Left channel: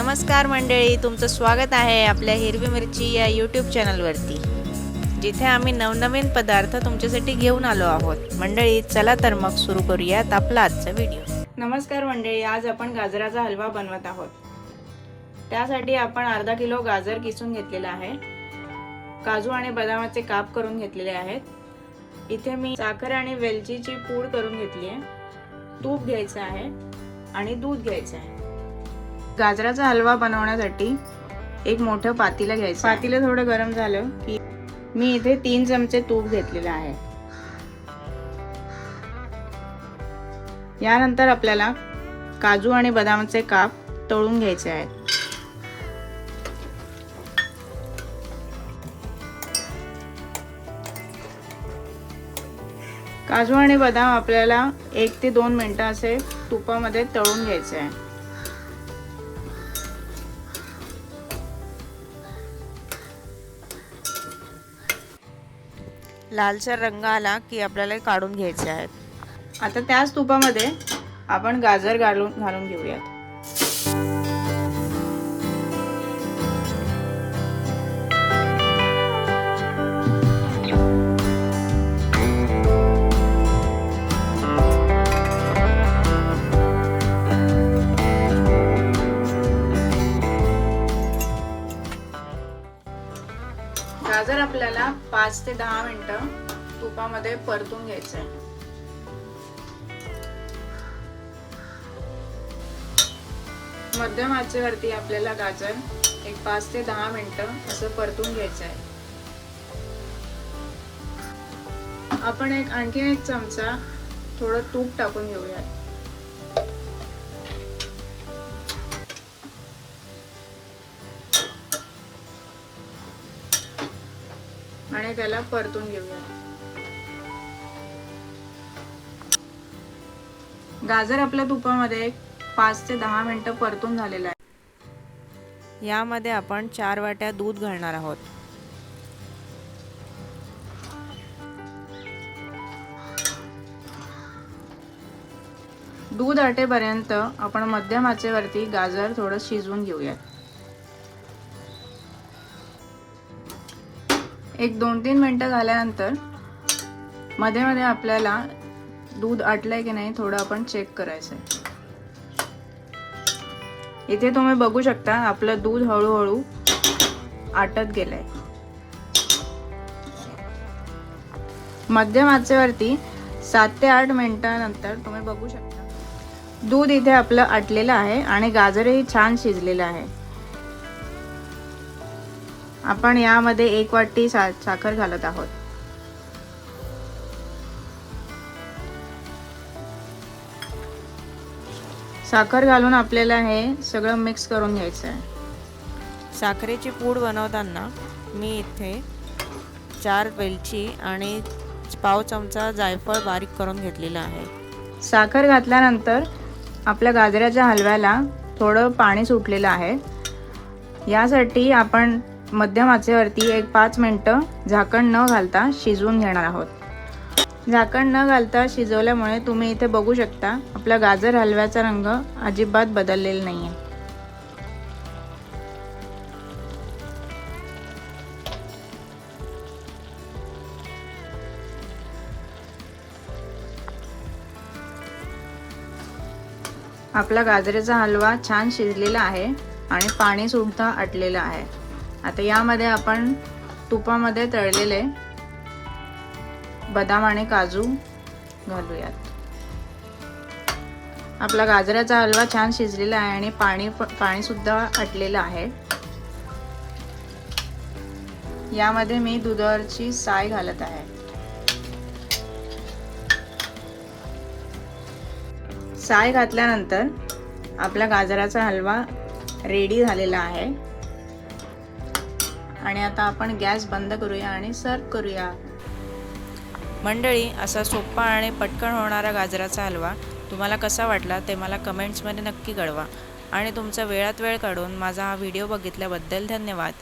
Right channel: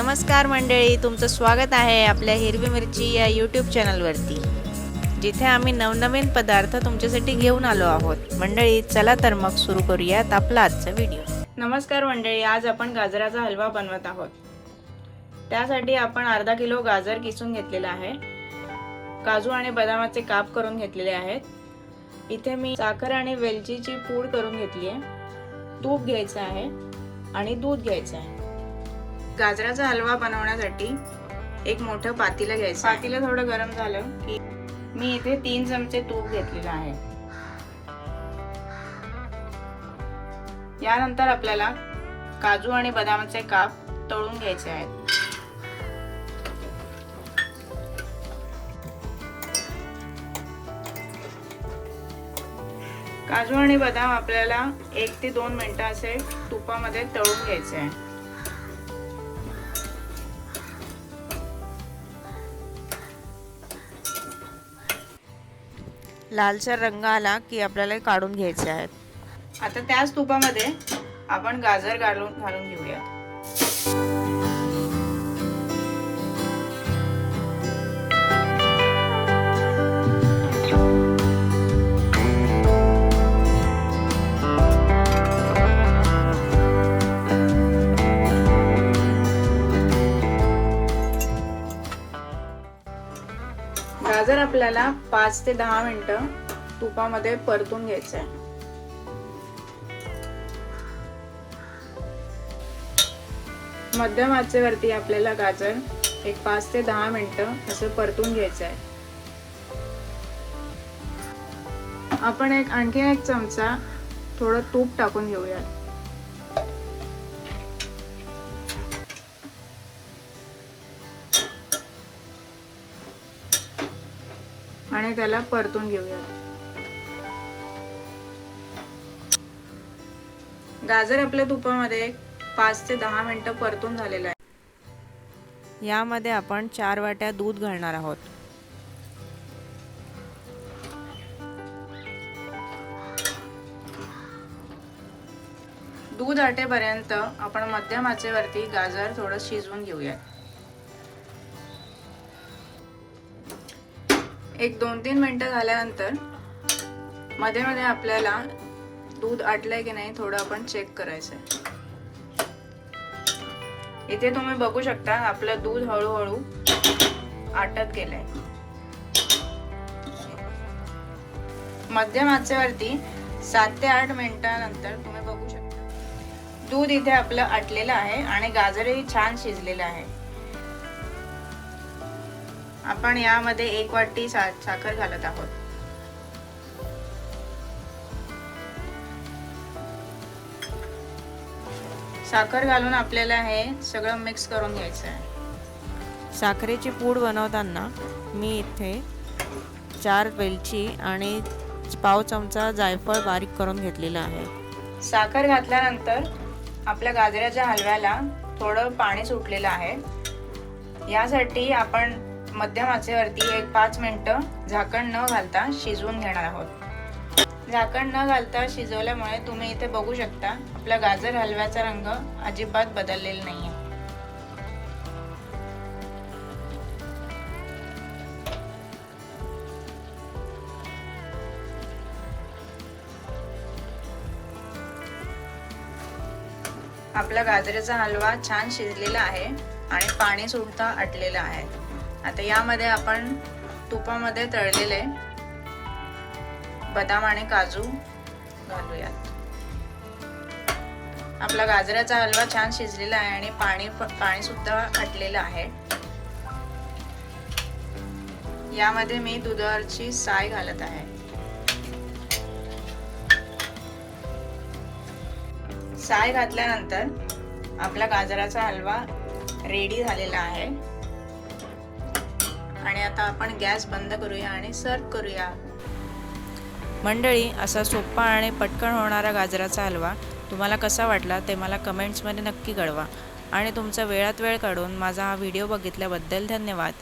नमस्कार मंडळी तुमचं स्वागत आहे आपल्या हिरवी मिरची या यूट्यूब चॅनलवरती जिथे आम्ही नवनवीन पदार्थ तुमच्यासाठी घेऊन आलो आहोत. मंडळी चला तर मग सुरू करूयात आपला आजचा व्हिडिओ नमस्कार मंडळी आज आपण गाजराचा हलवा बनवत आहोत. त्यासाठी आपण अर्धा किलो गाजर किसून घेतलेला आहे. काजू आणि बदामाचे काप करून घेतलेले आहेत. इथे मी साखर आणि वेलचीची पूड करून घेतली आहे. तूप घ्यायचं आहे आणि दूध घ्यायचं आहे. गाजराचा हलवा बनवण्यासाठी एक मोठं पातीला घ्यायचं. पातीला थोडं गरम झालं की मी इथे तीन चमचे तूप घेतलेलं आहे. यानंतर आपल्याला काजू आणि बदामाचे काप तळून घ्यायचे आहेत. काजू आणि बदाम आपल्याला एक ते दोन मिनटं असे तुपामध्ये तळून घ्यायचे आहे लालसर रंग आला की आपल्याला काढून घ्यायचे आहेत. आता त्याच तुपामध्ये आपण गाजर घालून घालून घेऊया. गाजर आपल्याला पाच ते दहा मिनटं तुपामध्ये परतून घ्यायचं आहे मध्यम आचेवरती आपल्याला गाजर एक पाच ते दहा मिनिटं असं परतून घ्यायचं आहे आपण एक आणखीन एक चमचा थोडं तूप टाकून घेऊया आणि त्याला परतून घेऊया. गाजर आपल्या तुपामध्ये पाच ते दहा मिनिटं परतून झालेलं आहे. यामध्ये आपण चार वाट्या दूध घालणार आहोत. दूध आटेपर्यंत आपण मध्यम आचेवरती गाजर थोडं शिजवून घेऊया एक दोन तीन मिनटं झाल्यानंतरमध्ये मध्ये आपल्याला दूध आटलंय की नाही थोडं आपण चेक करायचं इथे तुम्ही बघू शकता आपलं दूध हळूहळू आटत गेलंय. मध्यम आचेवरती सात ते आठ मिनिटानंतर तुम्ही बघू शकता. दूध इथे आपलं आटलेलं आहे आणि गाजरही छान शिजलेलं आहे. आपण यामध्ये एक वाटी सा साखर घालत आहोत. साखर घालून आपल्याला हे सगळं मिक्स करून घ्यायचं आहे साखरेची पूड बनवताना मी इथे चार वेलची आणि पाव चमचा जायफळ बारीक करून घेतलेला आहे. साखर घातल्यानंतर आपल्या गाजराच्या हलव्याला थोडं पाणी सुटलेलं आहे. यासाठी आपण मध्यम आचेवरती एक पाच मिनटं झाकण न घालता शिजवून घेणार आहोत. झाकण न घालता शिजवल्यामुळे तुम्ही इथे बघू शकता आपला गाजर हलव्याचा रंग अजिबात बदललेला नाही आहे आपला गाजरेचा हलवा छान शिजलेला आहे आणि पाणी सुद्धा आटलेलं आहे. आता यामध्ये आपण तुपामध्ये तळलेले बदाम आणि काजू घालूयात. आपला गाजराचा हलवा छान शिजलेला आहे आणि पाणी पाणी सुद्धा आटलेलं आहे. यामध्ये मी दुधावरची साय घालत आहे. साय घातल्यानंतर आपला गाजराचा हलवा रेडी झालेला आहे. आणि आता आपण गॅस बंद करूया आणि सर्व करूया. मंडळी असा सोपा आणि पटकन होणारा गाजराचा हलवा तुम्हाला कसा वाटला ते मला कमेंट्समध्ये नक्की कळवा. आणि तुमचा वेळात वेळ काढून माझा हा व्हिडिओ बघितल्याबद्दल धन्यवाद.